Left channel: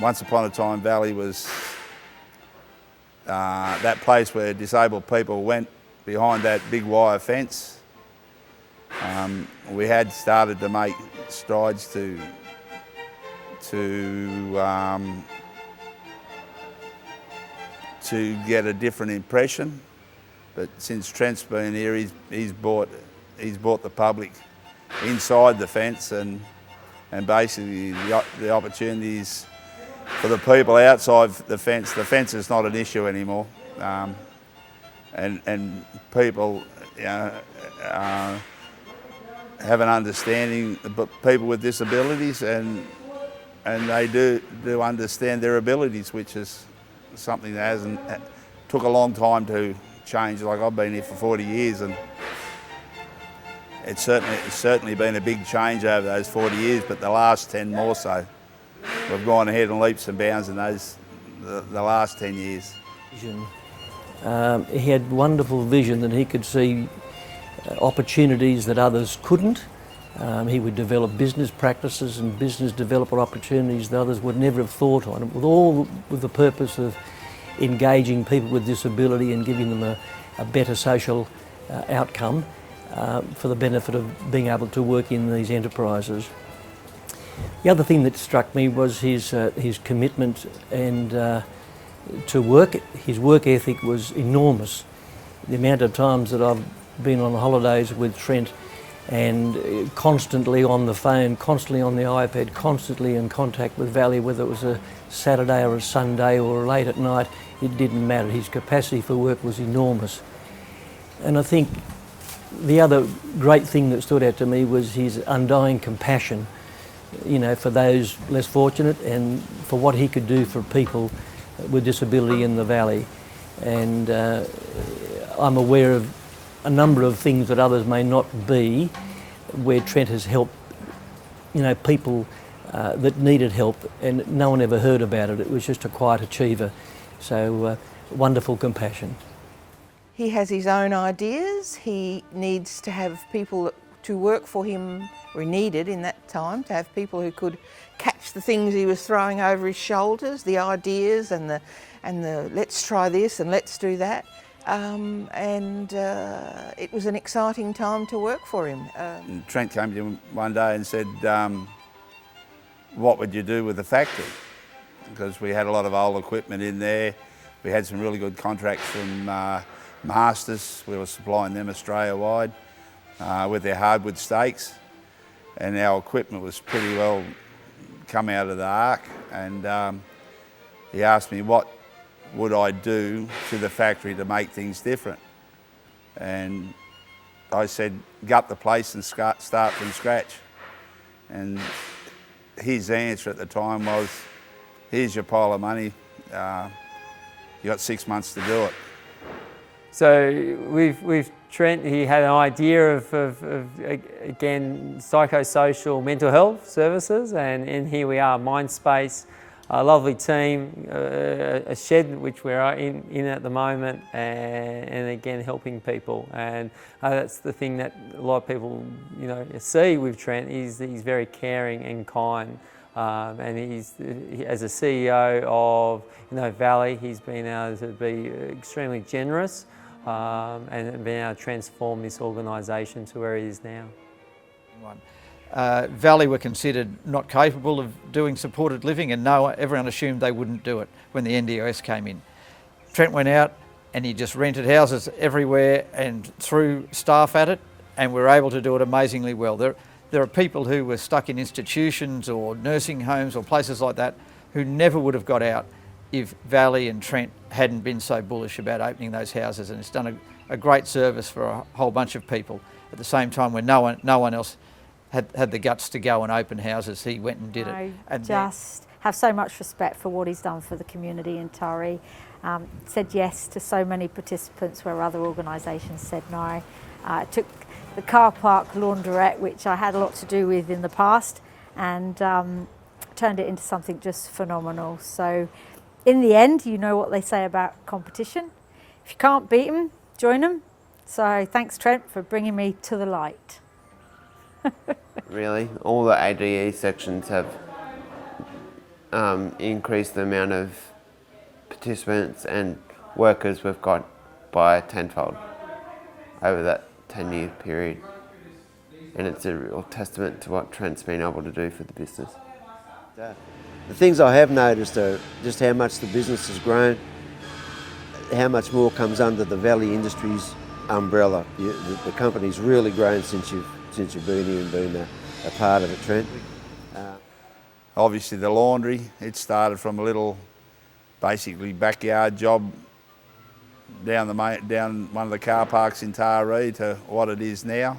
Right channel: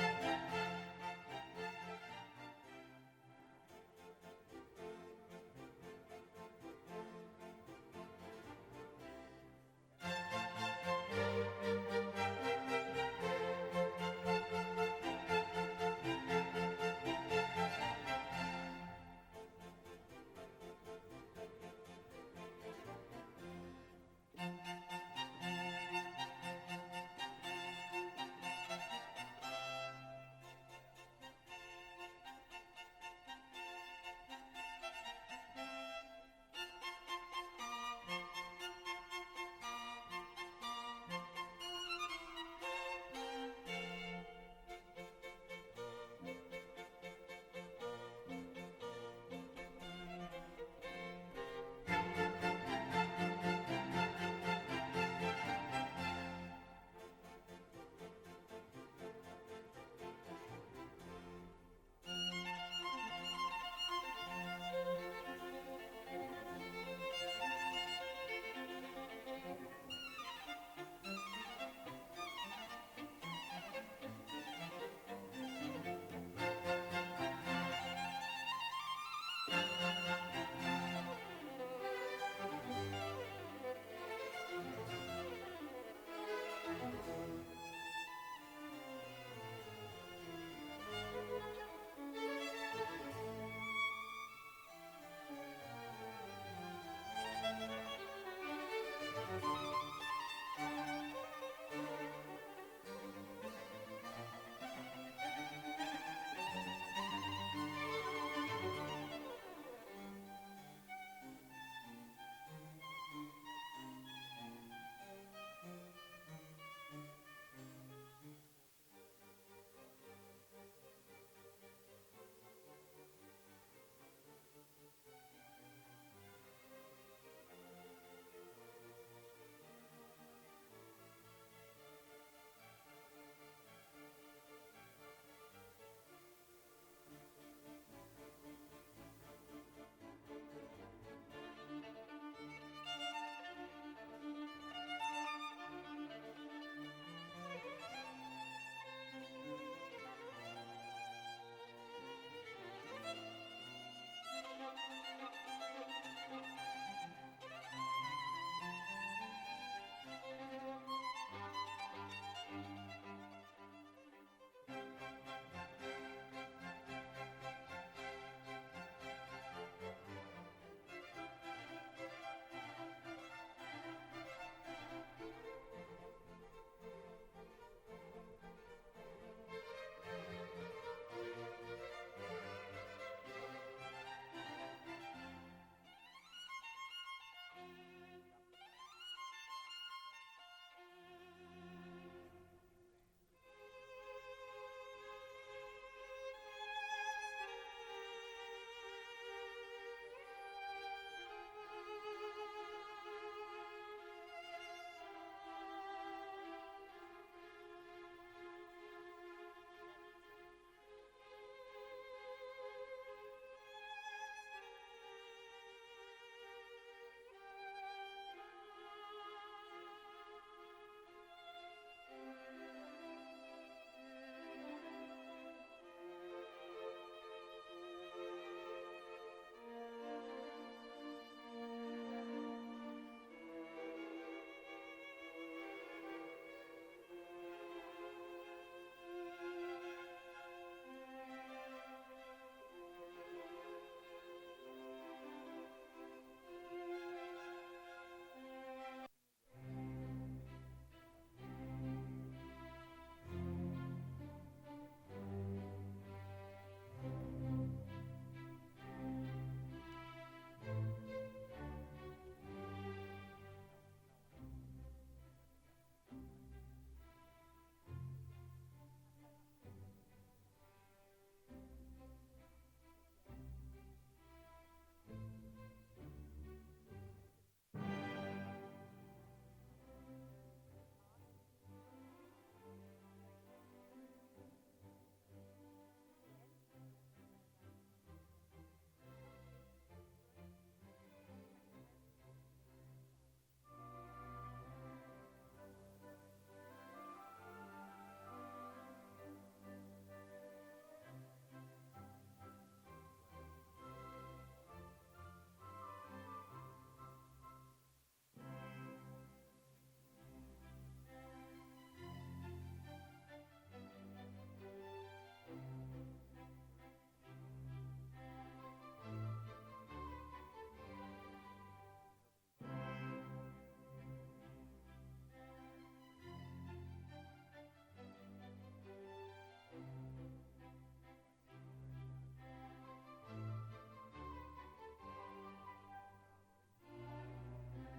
once upon a time, Valley was that place where disabled people went behind that big wire fence. We had started to make strides to get a different impression, but since Trent's been here, he's brought the public inside the fence, and basically the opportunities for the people outside the fence. The fence is not an issue anymore, and people have an understanding about people with disabilities, and they do understand their abilities, which is something that took a long time to change. Like, I've been here for 40 years, and it's certainly been a big change over those 40 years, but the last 10 more so. We've gone ahead in leaps and bounds in the last 10 years. He had wonderful vision that he could see opportunities that others couldn't. He would develop business practices and business developer opportunities that others would never have thought on, all with the purpose of engaging people with disability and giving them a better social outcome for the benefit of being able to work in these enterprises. The other thing that struck me was his commitment and to work. His work ethic was enormous. The amount of times that I've been on holidays with Trent and constantly on the phone, constantly on the iPad, constantly in contact with Valley, whether it was a Saturday or a Sunday or late at night, it didn't matter. His capacity for work was enormous. And I think the other great thing that stood out to me was his undying compassion, for those less fortunate and for what he could do for people with disability in the Valley. And I'm aware of a number of things that others may not be, where Trent has helped, people that needed help, and no one ever heard about it. It was just a quiet achiever. So wonderful compassion. He has his own ideas. He needs to have people to work for him, or he needed in that time to have people who could catch the things he was throwing over his shoulders, the ideas and the let's try this and let's do that. It was an exciting time to work for him. Trent came to him one day and said, what would you do with the factory? Because we had a lot of old equipment in there. We had some really good contracts from Masters. We were supplying them Australia-wide with their hardwood stakes, and our equipment was pretty well come out of the ark. And he asked me what would I do to the factory to make things different, and I said, gut the place and start from scratch. And his answer at the time was, here's your pile of money, you got 6 months to do it. So with Trent, he had an idea of again, psychosocial mental health services, and here we are, Mindspace, a lovely team, a shed which we're in at the moment, and again, helping people. And that's the thing that a lot of people, see with Trent, is that he's very caring and kind. And he's, as a CEO of Valley, he's been able to be extremely generous and been able to transform this organisation to where it is now. Valley were considered not capable of doing supported living, and everyone assumed they wouldn't do it when the NDIS came in. Trent went out and he just rented houses everywhere and threw staff at it, and we were able to do it amazingly well. There are people who were stuck in institutions or nursing homes or places like that who never would have got out if Valley and Trent hadn't been so bullish about opening those houses, and it's done a great service for a whole bunch of people. At the same time, when no one else had the guts to go and open houses, he went and did it. I just have so much respect for what he's done for the community in Torrey. Said yes to so many participants where other organisations said no. Took the car park launderette, which I had a lot to do with in the past, and turned it into something just phenomenal. So in the end, you know what they say about competition. If you can't beat them, join them. So thanks, Trent, for bringing me to the light. Really, all the ADE sections have increased the amount of participants and workers we've got by tenfold over that 10-year period. And it's a real testament to what Trent's been able to do for the business. The things I have noticed are just how much the business has grown, how much more comes under the Valley Industries umbrella. The company's really grown since you've been here and been a part of it, Trent. Obviously the laundry, it started from a little, basically backyard job down one of the car parks in Taree to what it is now.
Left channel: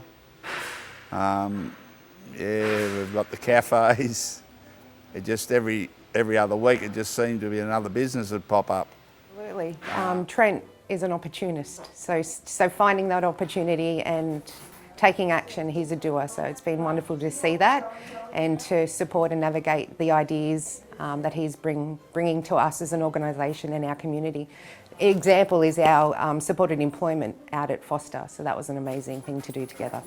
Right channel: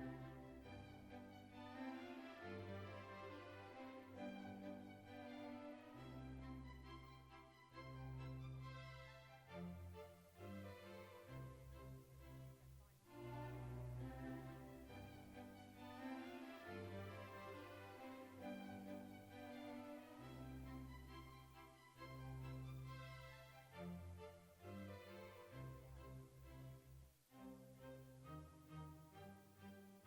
Yeah, we've got the cafes. It just every other week it just seemed to be another business that pop up. Absolutely. Trent is an opportunist, so finding that opportunity and taking action, he's a doer. So it's been wonderful to see that and to support and navigate the ideas that he's bringing to us as an organisation and our community. Example is our supported employment out at Foster, so that was an amazing thing to do together.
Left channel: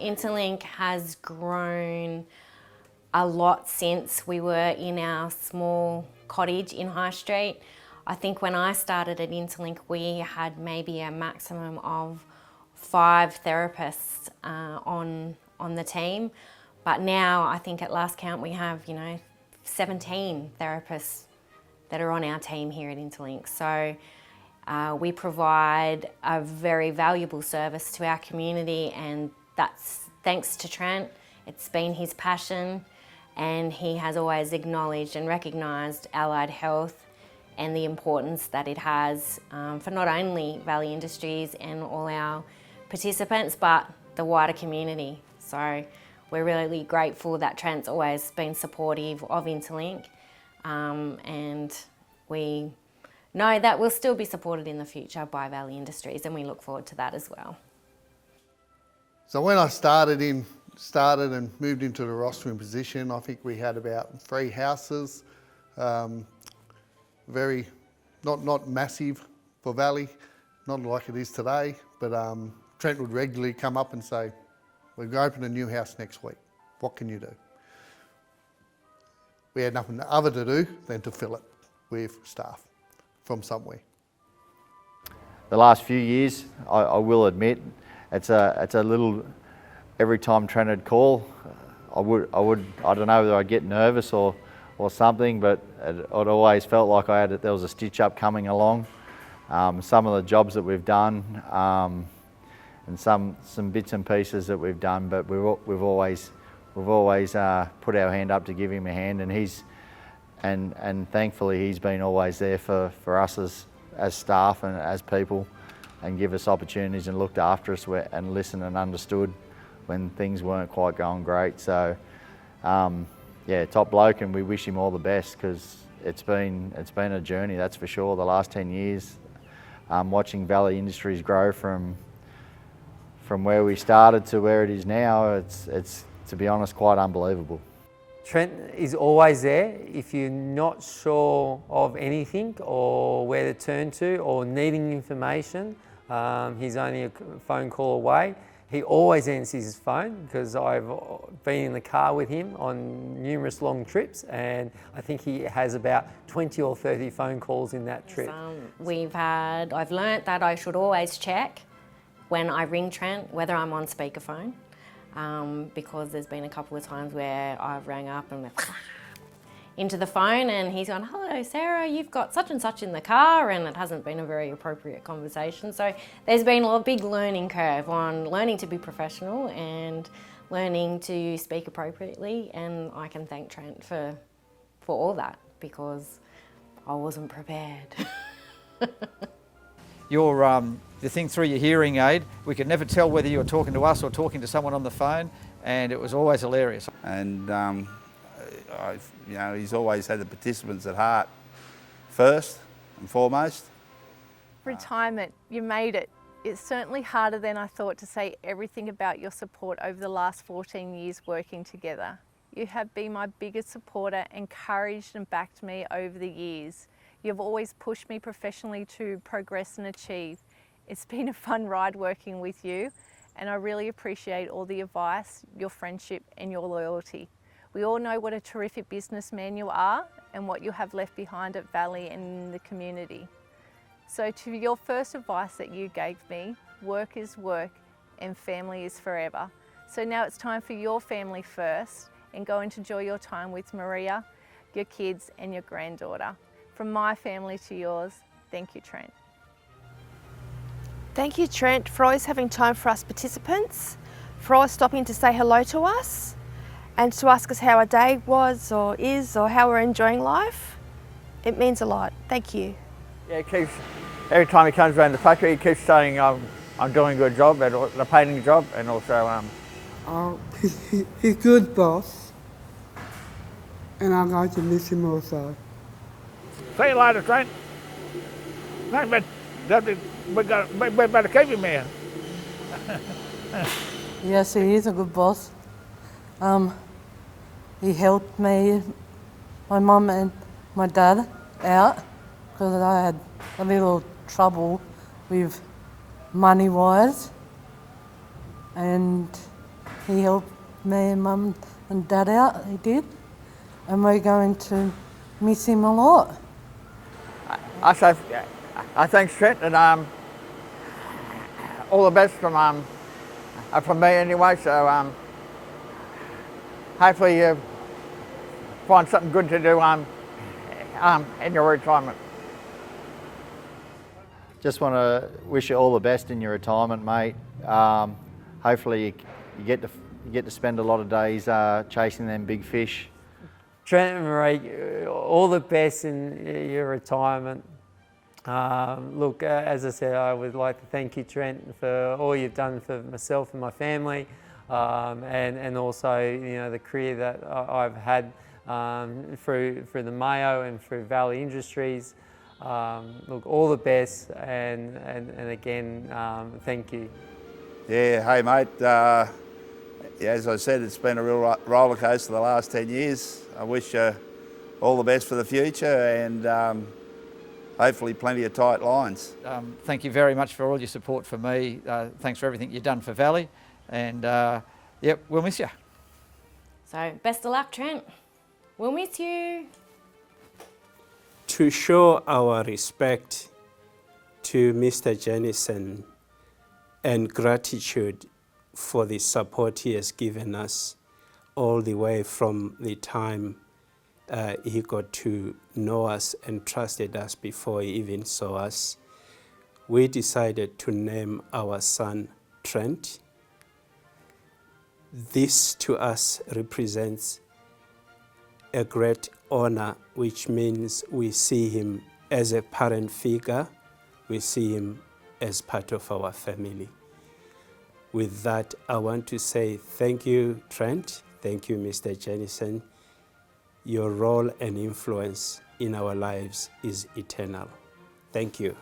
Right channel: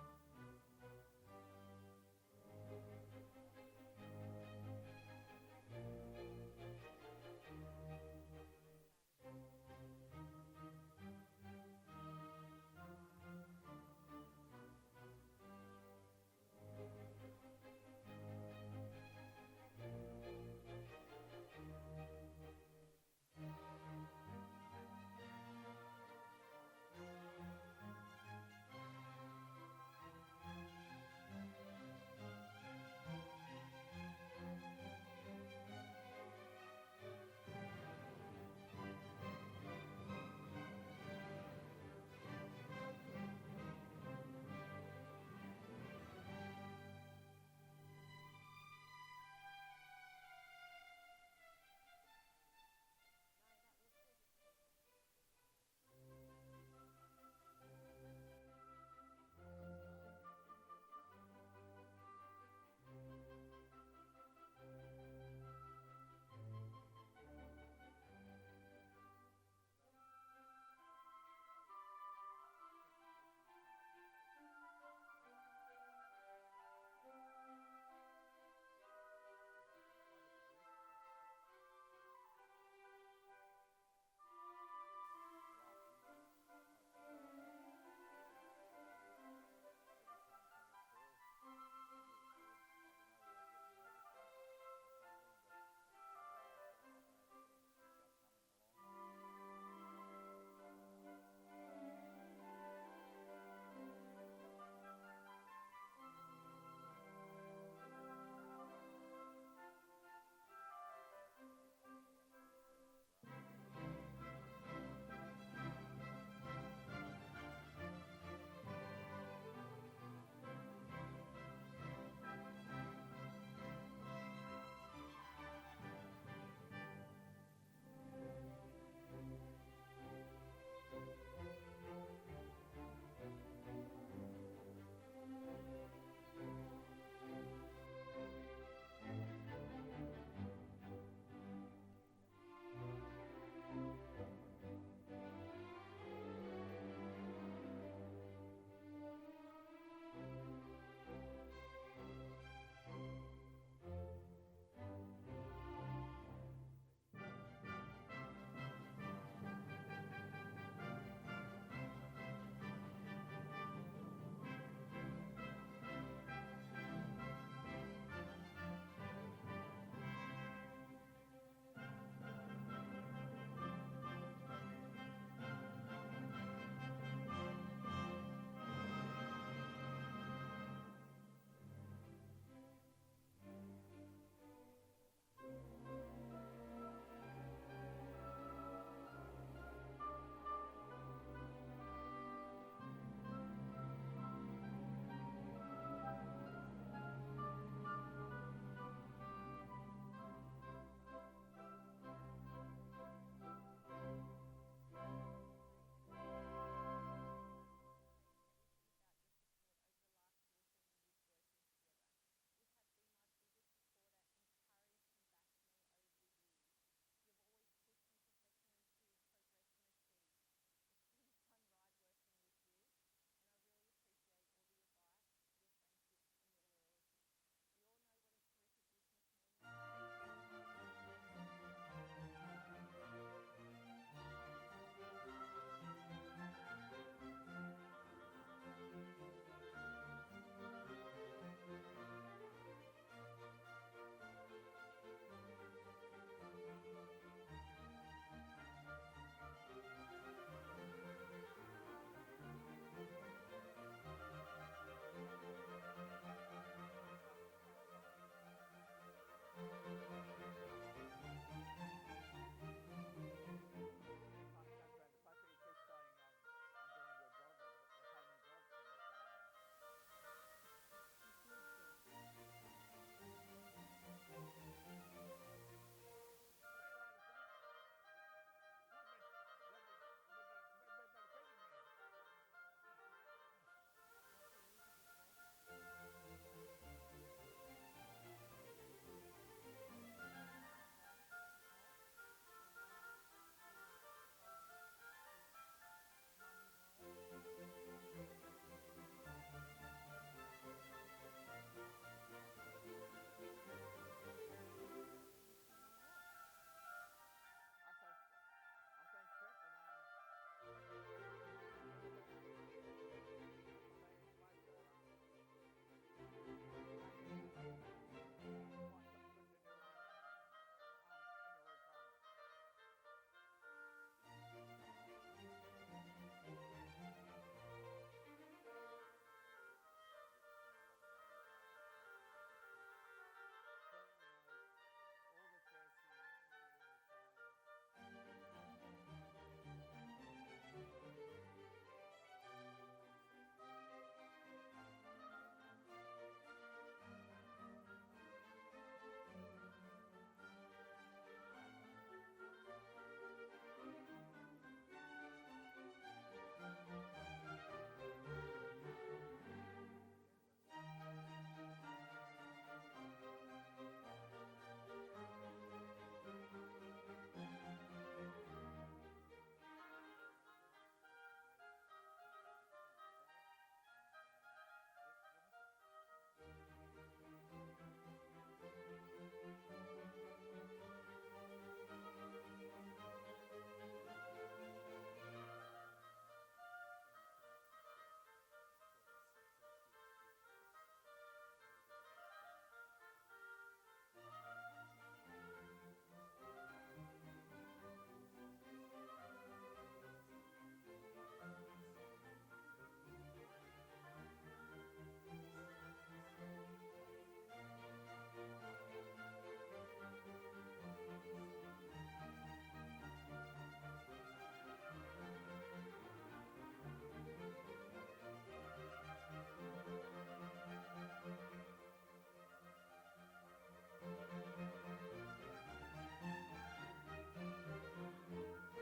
Interlink has grown a lot since we were in our small cottage in High Street. I think when I started at Interlink, we had maybe a maximum of 5 therapists on the team, but now I think at last count we have 17 therapists that are on our team here at Interlink. So we provide a very valuable service to our community, and that's thanks to Trent. It's been his passion, and he has always acknowledged and recognised allied health and the importance that it has for not only Valley Industries and all our participants, but the wider community. So we're really grateful that Trent's always been supportive of Interlink, and we know that we'll still be supported in the future by Valley Industries, and we look forward to that as well. So when I started and moved into the rostering position, I think we had about 3 houses, very, not massive for Valley, not like it is today, but Trent would regularly come up and say, we're going to open a new house next week, what can you do? We had nothing other to do than to fill it with staff from somewhere. The last few years, I will admit, it's a little, every time Trent would call, I don't know whether I'd get nervous or something, but it always felt like there was a stitch up coming along. Some of the jobs that we've done, and some bits and pieces that we've done, but we've always put our hand up to give him a hand, and thankfully he's been always there for us as staff and as people, and give us opportunities and looked after us and listened and understood when things weren't quite going great. So yeah, top bloke, and we wish him all the best, because it's been a journey, that's for sure. The last 10 years, watching Valley Industries grow from where we started to where it is now, it's to be honest quite unbelievable. Trent is always there. If you're not sure of anything or where to turn to or needing information, he's only a phone call away. He always answers his phone, because I've been in the car with him on numerous long trips, and I think he has about 20 or 30 phone calls in that trip. I've learnt that I should always check when I ring Trent whether I'm on speakerphone, because there's been a couple of times where I've rang up and into the phone and he's gone, hello Sarah, you've got such and such in the car, and it hasn't been a very appropriate conversation. So there's been a big learning curve on learning to be professional and learning to speak appropriately, and I can thank Trent for all that, because I wasn't prepared. The thing through your hearing aid, we could never tell whether you were talking to us or talking to someone on the phone, and it was always hilarious. And he's always had the participants at heart first and foremost. Retirement, you made it. It's certainly harder than I thought to say everything about your support over the last 14 years working together. You have been my biggest supporter, encouraged and backed me over the years. You've always pushed me professionally to progress and achieve. It's been a fun ride working with you, and I really appreciate all the advice, your friendship and your loyalty. We all know what a terrific businessman you are and what you have left behind at Valley and in the community. So to your first advice that you gave me, work is work and family is forever. So now it's time for your family first and go and enjoy your time with Maria, your kids and your granddaughter. From my family to yours, thank you, Trent. Thank you, Trent, for always having time for us participants, for always stopping to say hello to us and to ask us how our day was or is or how we're enjoying life. It means a lot. Thank you. Yeah, he keeps, every time he comes around the factory, he keeps saying I'm doing a good job, and the painting job, and also he's a good boss, and I'm going to miss him also. Say you later, Trent. We better keep him here. Yes, he is a good boss. He helped me, my mum and my dad out because I had a little trouble with money-wise, and he helped me and mum and dad out, he did, and we're going to miss him a lot. I thank Trent, and all the best from me anyway. So hopefully you find something good to do in your retirement. Just want to wish you all the best in your retirement, mate. Hopefully you get to spend a lot of days chasing them big fish. Trent and Marie, all the best in your retirement. Look, as I said, I would like to thank you, Trent, for all you've done for myself and my family, and also, you know, the career that I've had through the Mayo and through Valley Industries. Look, all the best, and again, thank you. Yeah, hey mate, as I said, it's been a real roller coaster the last 10 years. I wish you all the best for the future, and hopefully plenty of tight lines. Thank you very much for all your support for me. Thanks for everything you've done for Valley, and yep, we'll miss you. So best of luck, Trent. We'll miss you. To show our respect to Mr. Jennison and gratitude for the support he has given us all the way from the time he got to know us and trusted us before he even saw us, we decided to name our son Trent. This to us represents a great honor, which means we see him as a parent figure, we see him as part of our family. With that, I want to say thank you, Trent. Thank you, Mr. Jennison. Your role and influence in our lives is eternal. Thank you.